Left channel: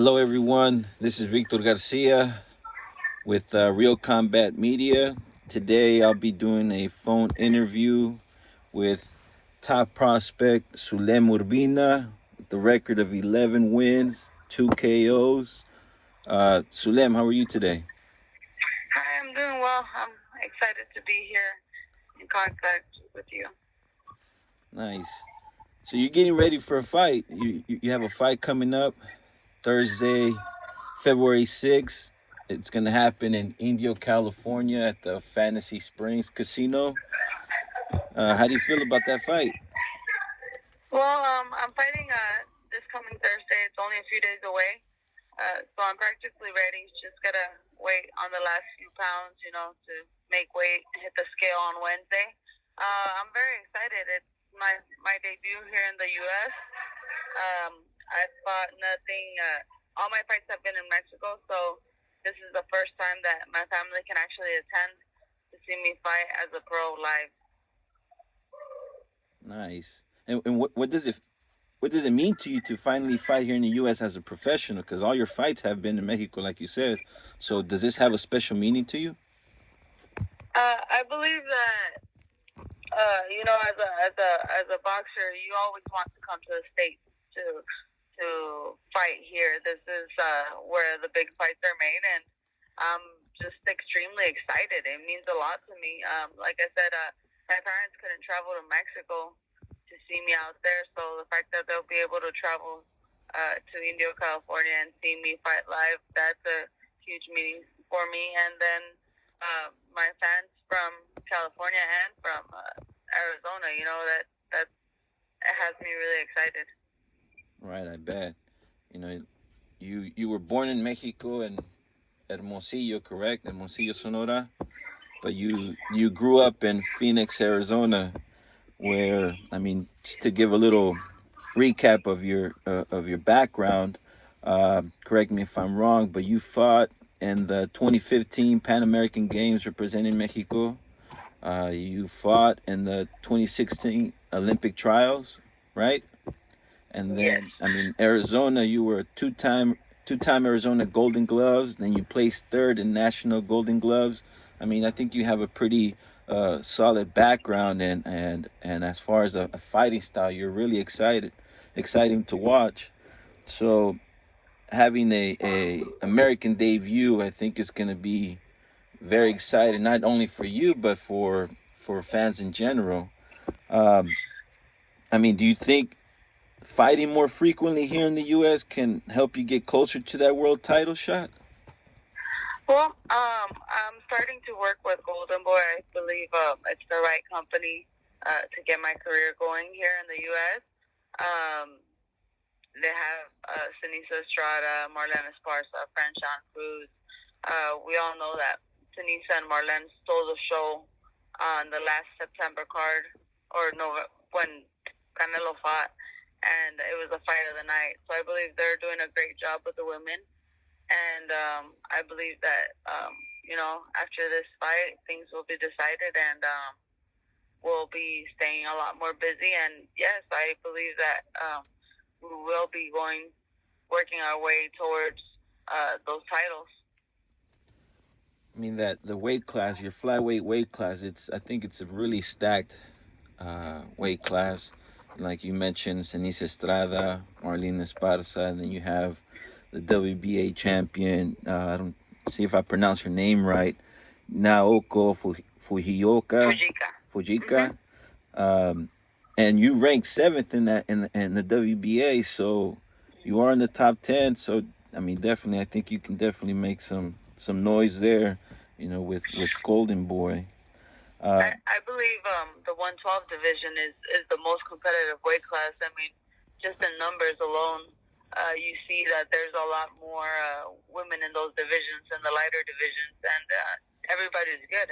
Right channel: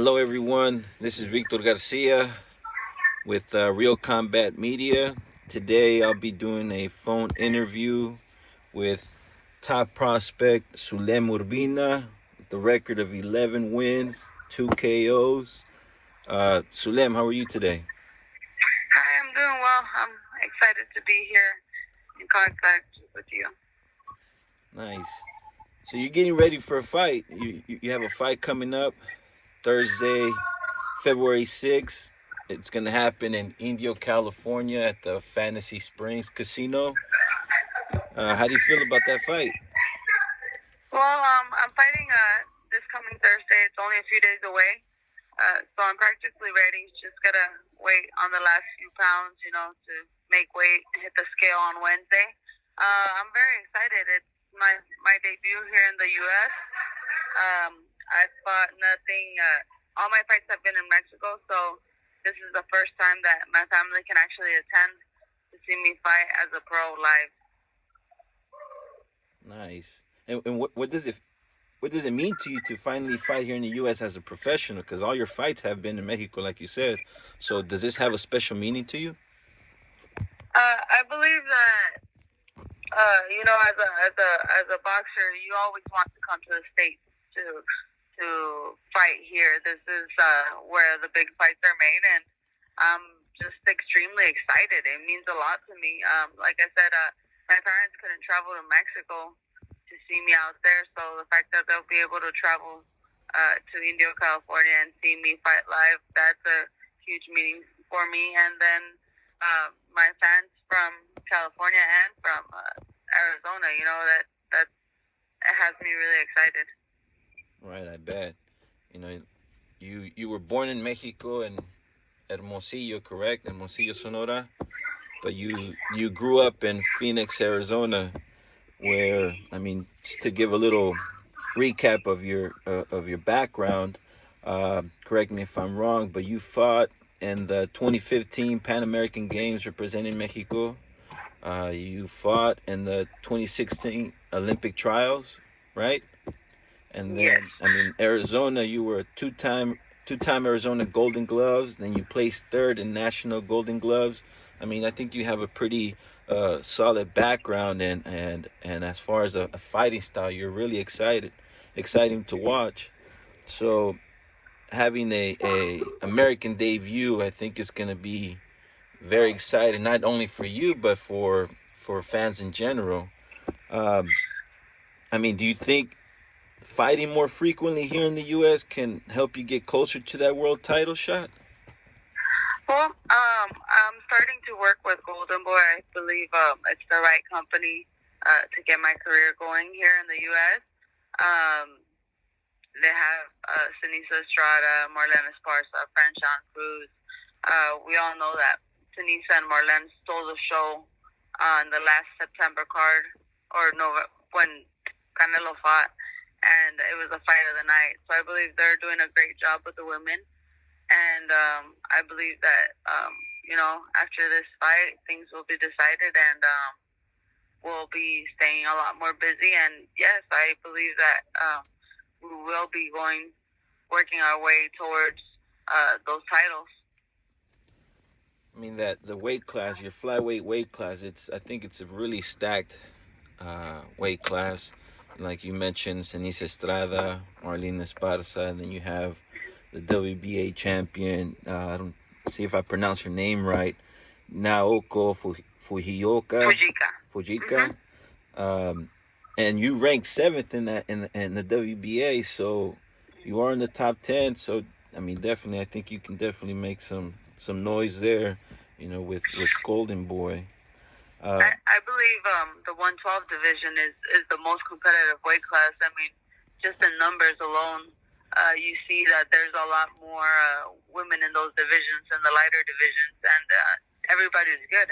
Hello, everyone. This is Victor Garcia with Real Combat Media. Today, I'll be doing a phone interview with top prospect Sulem Urbina, with the record of 11 wins, 2 KOs. Sulem, how are you today? Hi, I'm doing well. I'm excited to be here in contact with you. Nice. So you're getting ready for a fight. You have a fight coming up Thursday, February 6th. It's going to happen in Indio, California at the Fantasy Springs Casino. How do you feel about that fight? Well, I'm fighting this coming Thursday. It's only a few days away, so I'm practically ready. Just gotta wait on the last few pounds, to make weight, hit the scale on Wednesday. I'm very excited. It's my debut here in the U.S. I've fought nothing. All my fights have been in Mexico, so this is the first time that my family can actually attend to see me fight as a pro live. Nice. And what does it mean to you to finally fight here in the U.S. as a professional? Because all your fights have been in Mexico, like you said. So does this have a special meaning to you? I believe that as a boxer, you always want to come to the States to fight here. This is where the big fights are made, and I'm just extremely excited. It means a lot to me. Like I said, my parents couldn't travel to Mexico to see me out there, so the fact that they'll be able to travel to Indio, California, and see me fight live, that's a huge meaning for me. And then my fans from California and from Arizona, that has me really excited. Right, I bet. You know, you were born in Mexico and Hermosillo, correct? Hermosillo, Sonora. But you grew up in Phoenix, Arizona, where just to give a little recap of your background. Correct me if I'm wrong, but you fought in the 2015 Pan American Games representing Mexico. You fought in the 2016 Olympic trials, right? And then, Yes. Arizona, you were a two-time Arizona Golden Gloves. Then you placed third in National Golden Gloves. I think you have a pretty solid background, and as far as a fighting style, you're really exciting to watch. So having a American debut, I think is going to be very exciting, not only for you but for fans in general. Um, do you think fighting more frequently here in the U.S. can help you get closer to that world title shot? Well, I'm starting to work with Golden Boy. I believe it's the right company to get my career going here in the U.S. They have Sinisa Estrada, Marlene Esparza, Franchon Cruz. We all know that Sinisa and Marlene stole the show on the last September card, or when Canelo fought, and it was a fight of the night. So I believe they're doing a great job with the women. And I believe that, after this fight, things will be decided, and we'll be staying a lot more busy. And yes, I believe that we will be working our way towards those titles. That the weight class, your flyweight weight class, I think it's a really stacked weight class. Like you mentioned, Sinisa Estrada, Marlene Esparza, and then you have the WBA champion. I don't see if I pronounce her name right. Naoko Fujika. Um, and you rank seventh in the WBA, so you are in the top 10. So definitely, I think you can definitely make some noise there. With Golden Boy. I believe the 112 division is the most competitive weight class. Just in numbers alone, you see that there's a lot more women in those divisions than the lighter divisions, and everybody's good.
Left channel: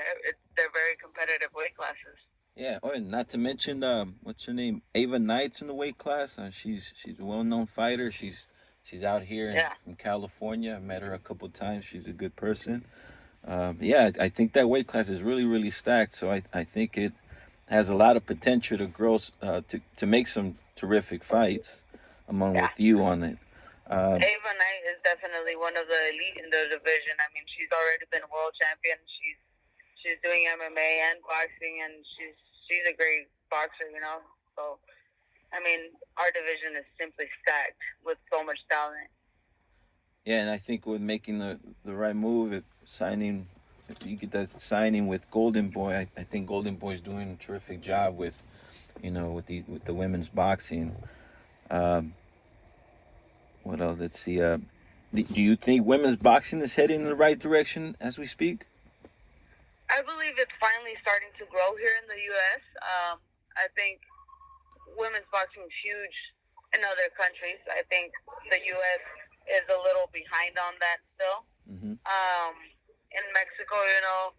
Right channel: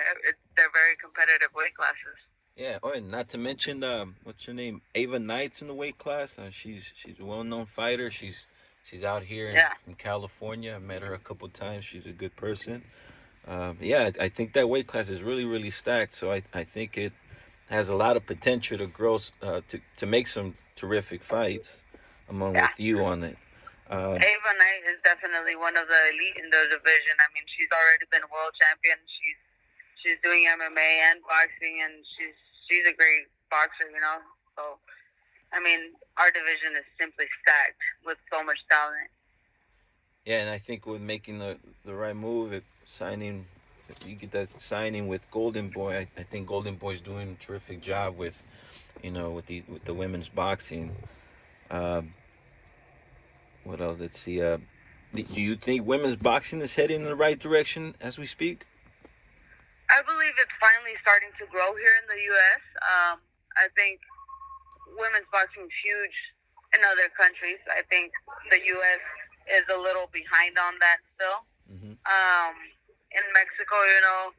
They're very competitive weight classes. Yeah. Oh, and not to mention, what's her name? Ava Knight's in the weight class. She's a well-known fighter. She's out here in California. I met her a couple times. She's a good person. Yeah, I think that weight class is really, really stacked. So I think it has a lot of potential to grow, to make some terrific fights with you on it. Ava Knight is definitely one of the elite in the division. I mean, she's already been world champion. She's doing MMA and boxing, and she's a great boxer. You know, so I mean, our division is simply stacked with so much talent. Yeah, and I think with making the right move, signing, if you get that signing with Golden Boy, I think Golden Boy's doing a terrific job with, with the women's boxing. Um, what else? Let's see. Do you think women's boxing is heading in the right direction as we speak? I believe it's finally starting to grow here in the U.S. I think women's boxing is huge in other countries. I think the U.S. is a little behind on that still. Mm-hmm. In Mexico, you know,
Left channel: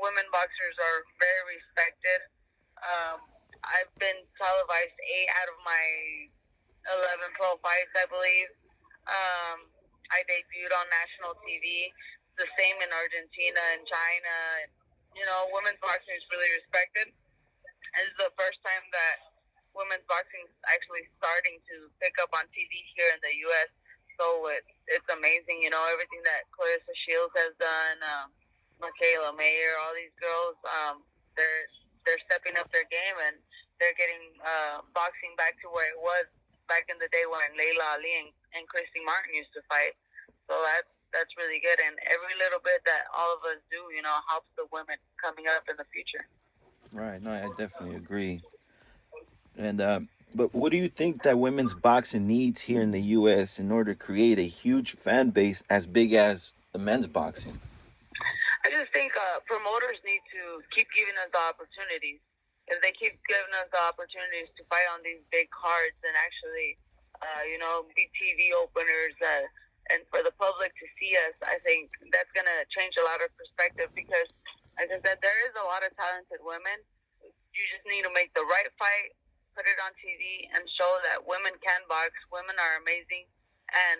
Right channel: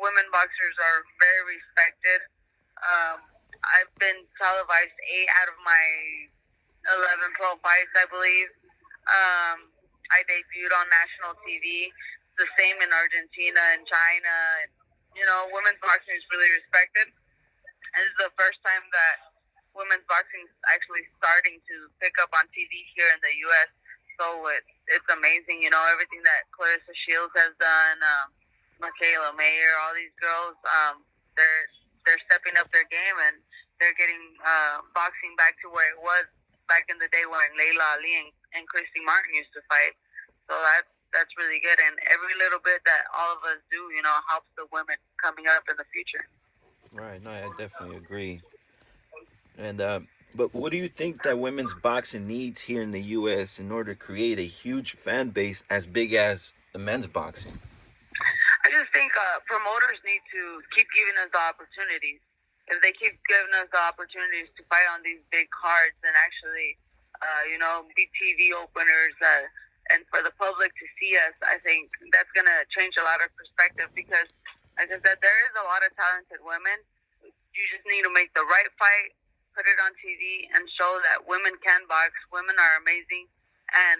women boxers are very respected. I've been televised 8 out of my 11 pro fights, I believe. I debuted on national TV. The same in Argentina and China. You know, women's boxing is really respected. And this is the first time that women's boxing is actually starting to pick up on TV here in the U.S. So it's amazing, you know, everything that Clarissa Shields has done, Michaela Mayer, all these girls, they're stepping up their game, and they're getting boxing back to where it was back in the day when Layla Ali and Christy Martin used to fight. So that's really good, and every little bit that all of us do, you know, helps the women coming up in the future. Right. No, I definitely agree. And but what do you think that women's boxing needs here in the U.S. in order to create a huge fan base as big as the men's boxing? I just think promoters need to keep giving us the opportunities. If they keep giving us the opportunities to fight on these big cards and actually, you know, be TV openers and for the public to see us, I think that's going to change a lot of perspective because, like I said, there is a lot of talented women. You just need to make the right fight, put it on TV, and show that women can box. Women are amazing, and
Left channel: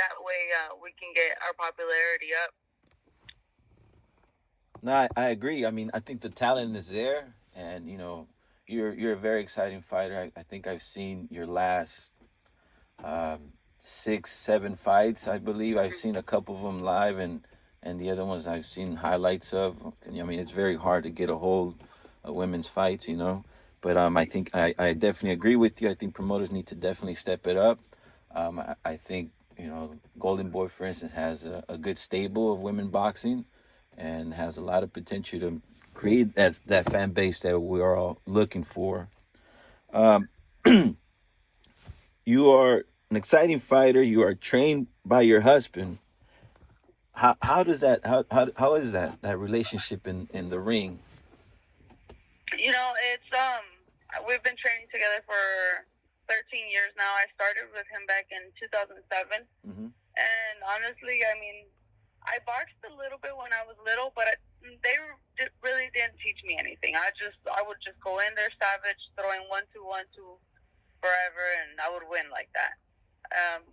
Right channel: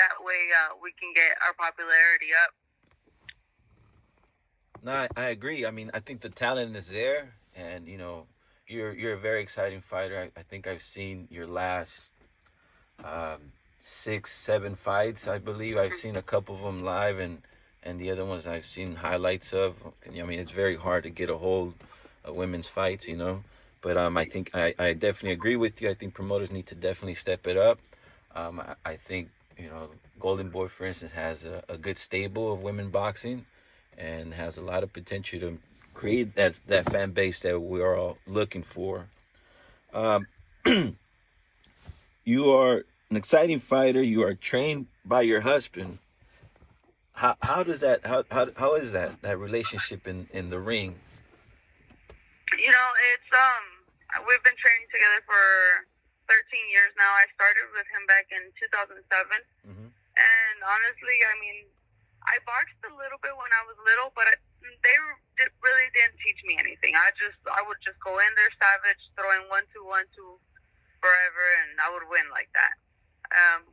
that way we can get our popularity up. No, I agree. I mean, I think the talent is there, and you're a very exciting fighter. I think I've seen your last 6, 7 fights. I believe I've seen a couple of them live, and the other ones I've seen highlights of. I mean, it's very hard to get a hold of women's fights, But I think I definitely agree with you. I think promoters need to definitely step it up. I think Golden Boy, for instance, has a good stable of women boxing, and has a lot of potential to create that fan base that we're all looking for. Um, you are an exciting fighter. You are trained by your husband. How does that how is that relationship in the ring? You know, it's we've been training together for 13 years now. I started with him back in 2007, and honestly, I mean, I boxed a little bit when I was little, but they really didn't teach me anything. I would just go in there savage, throwing 1-2, 1-2 forever, and I would win like that.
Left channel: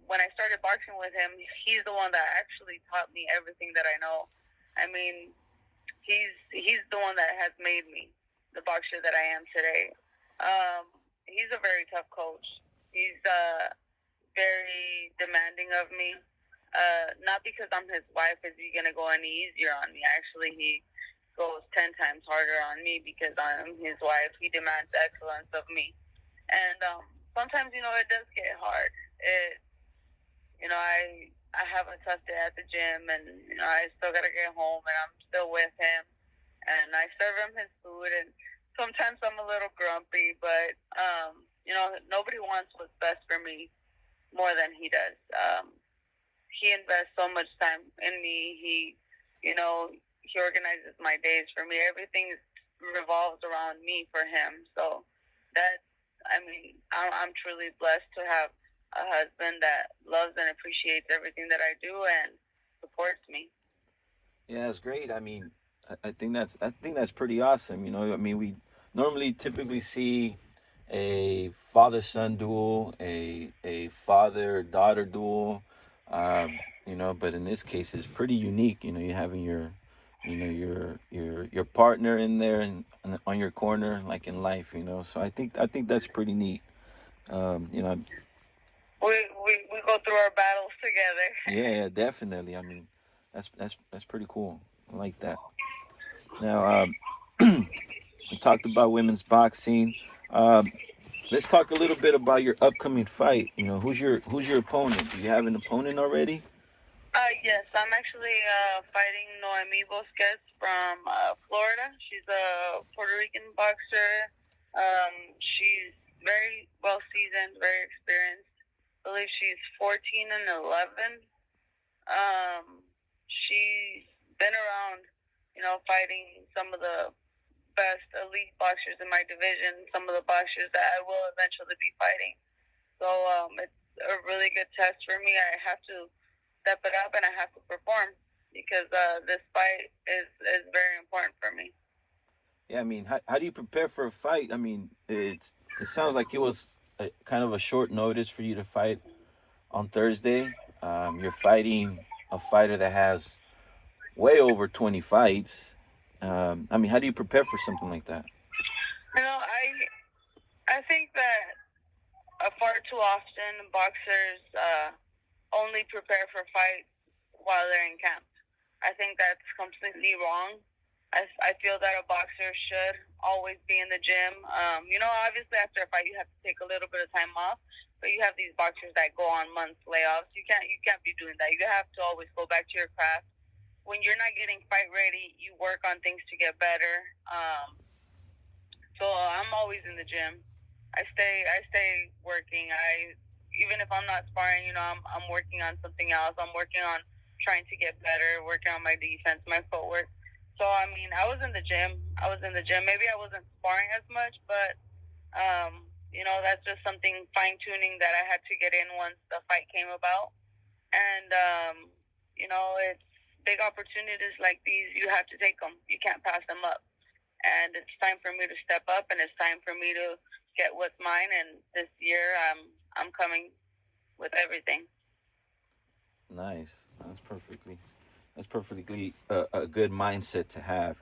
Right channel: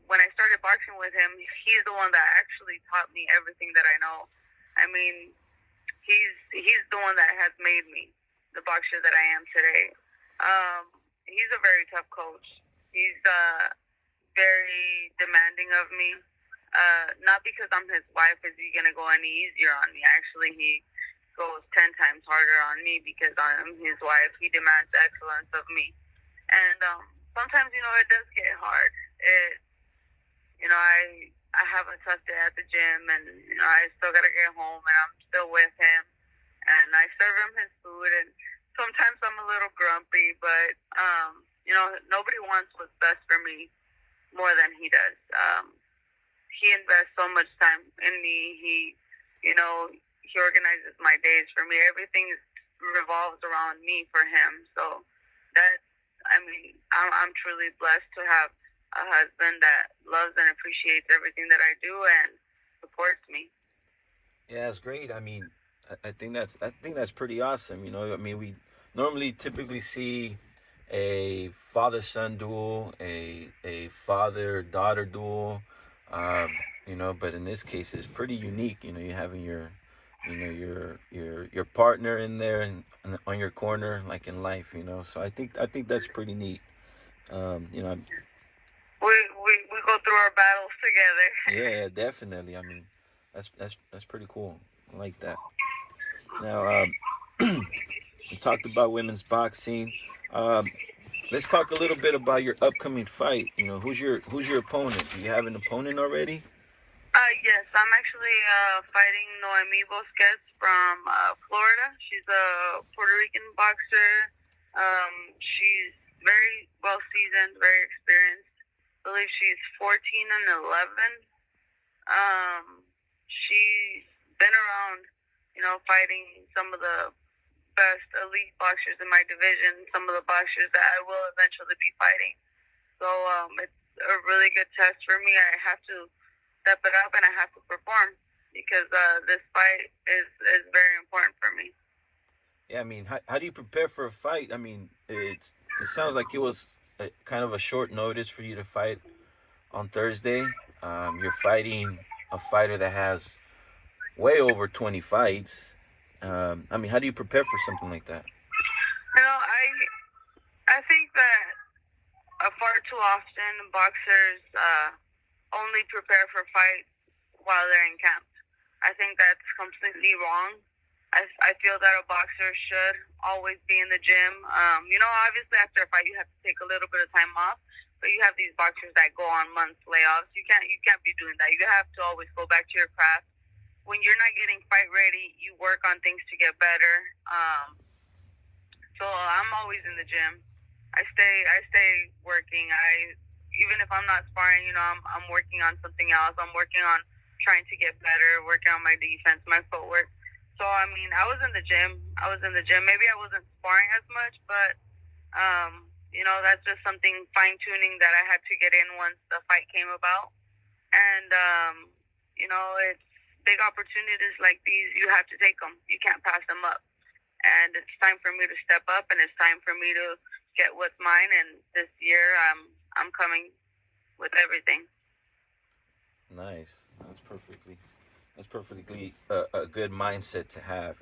When I started boxing with him, he's the one that actually taught me everything that I know. I mean, he's the one that has made me the boxer that I am today. He's a very tough coach. He's very demanding of me. Not because I'm his wife is he gonna go any easier on me. Actually, he goes 10 times harder on me because I'm his wife. He demands excellence of me, and sometimes it does get hard. I have a tough day at the gym, and I still gotta get home, and I'm still with him, and I serve him his food, and sometimes I'm a little grumpy, but nobody wants what's best for me more than he does. He invests so much time in me. He organizes my days for me. Everything revolves around me for him. So I'm truly blessed to have a husband that loves and appreciates everything that I do and supports me. Yeah, that's great. I mean, I think that's pretty awesome. I mean, we normally typically see a father-son duel, a father-daughter duel, but in this case, it's pretty unique. You having your partner in there and on your corner, like in life. So I think that's pretty neat. We more battles together. Yeah, definitely. I mean, that's pretty cool. I like that. Now, we talked about women's boxing. Um, let's talk a little bit about your upcoming fight. You know, who's your opponent? Do you have an opponent already? Yes, I'm actually fighting Noemi Bosques from Florida. She's a Puerto Rican boxer. She's very well seasoned, very experienced. I believe she's 14 and 11. She's been around, fighting some of the best elite boxers in my division, some of the boxers that I will eventually be fighting. So it's a really good test for me. I have to step it up and I have to perform because this fight is very important for me. Yeah, I mean, how do you prepare for a fight? I mean, it sounds like it was kind of a short notice for you to fight on Thursday. You're fighting a fighter that has way over 20 fights. I mean, how do you prepare for something like that? I think that far too often boxers only prepare for fights while they're in camp. I think that's completely wrong. I feel that a boxer should always be in the gym. Obviously after a fight you have to take a little bit of time off, but you have these boxers that go on months layoffs. You can't be doing that. You have to always go back to your craft. When you're not getting fight ready, you work on things to get better. So I'm always in the gym. I stay working. Even if I'm not sparring, I'm working on something else. I'm working on trying to get better, working on my defense, my footwork. So I mean, I was in the gym. Maybe I wasn't sparring as much, but that's just something fine tuning that I had to get in once the fight came about. And it's big opportunities like these. You have to take them. You can't pass them up. And it's time for me to step up, and it's time for me to get what's mine. And this year, I'm coming with everything. Nice. That's perfectly a good mindset to have.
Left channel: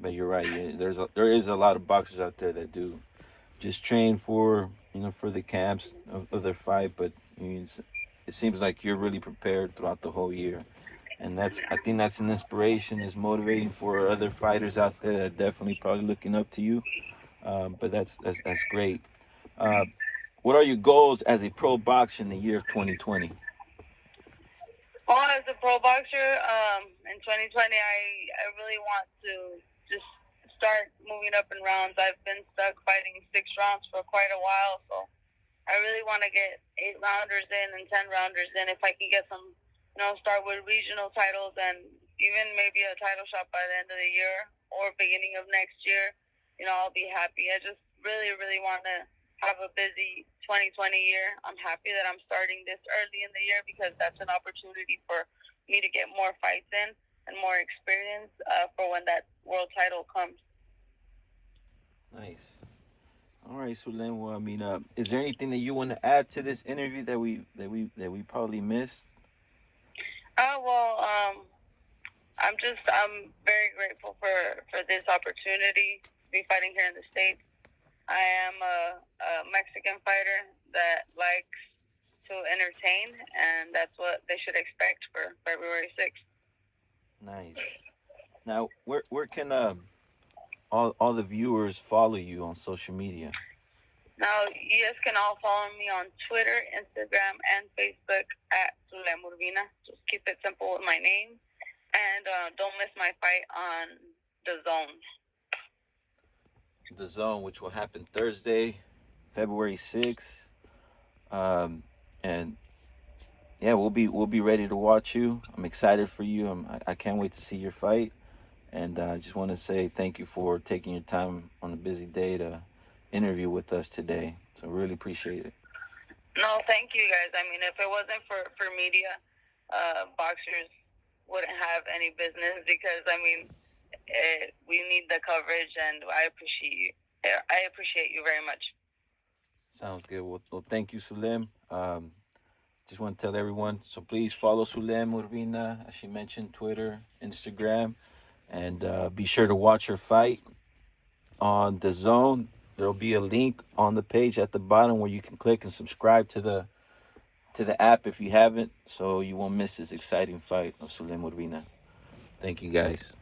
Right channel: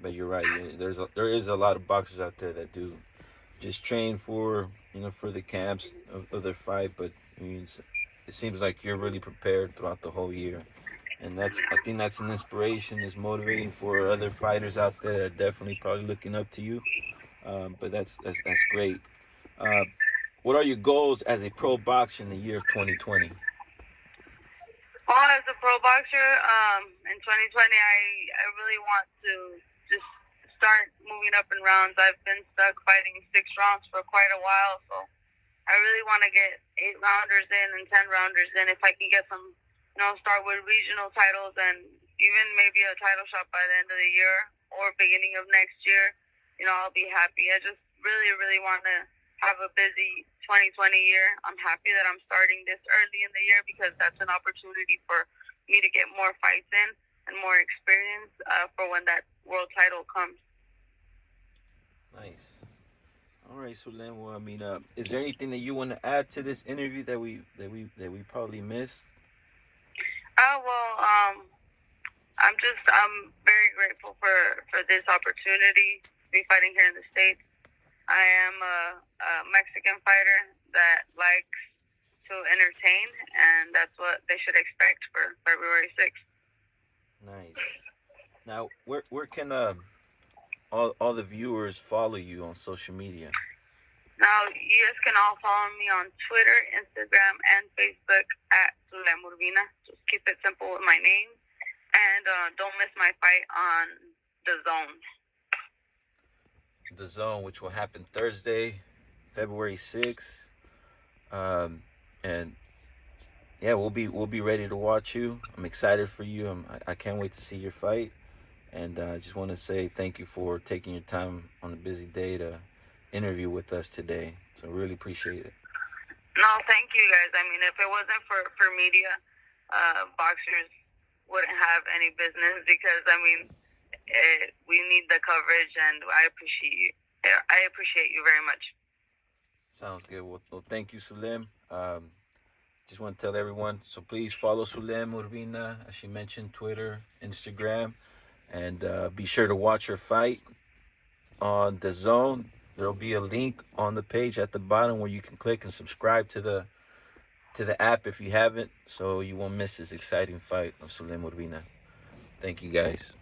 But you're right. There is a lot of boxers out there that do just train for the camps of their fight, but it seems like you're really prepared throughout the whole year. And I think that's an inspiration, is motivating for other fighters out there that are definitely probably looking up to you. But that's great. What are your goals as a pro boxer in the year of 2020? Well, as a pro boxer, in 2020, I really want to just start moving up in rounds. I've been stuck fighting 6 rounds for quite a while, so I really want to get 8 rounders in and 10 rounders in. If I can get some, start with regional titles and even maybe a title shot by the end of the year or beginning of next year, I'll be happy. I just really, really want to have a busy 2020 year. I'm happy that I'm starting this early in the year because that's an opportunity for me to get more fights in and more experience for when that world title comes. Nice. All right, so then, well, I mean, is there anything that you want to add to this interview that we probably missed? I'm very grateful for this opportunity to be fighting here in the States. I am a Mexican fighter that likes to entertain, and that's what they should expect for February 6th. Nice. Now, where can all the viewers follow you on social media? Now, you guys can all follow me on Twitter, Instagram, and Facebook at Sulem Urbina. Just keep it simple with my name. And don't miss my fight on DAZN. DAZN, which will happen Thursday, February 6th. And yeah, we'll be ready to watch you. I'm excited for you. I can't wait to see your fight. And I just want to say thank you for taking your time on a busy day to interview with us today. So really appreciate it. No, thank you guys. I mean, if it wasn't for media, boxers wouldn't have any business because, I mean, we need the coverage, and I appreciate you very much. Sounds good. Well, thank you, Sulem. Just want to tell everyone, so please follow Sulem Urbina, as she mentioned, Twitter, Instagram, and be sure to watch her fight on DAZN. There'll be a link on the page at the bottom where you can click and subscribe to to the app if you haven't, so you won't miss this exciting fight of Sulem Urbina. Thank you guys.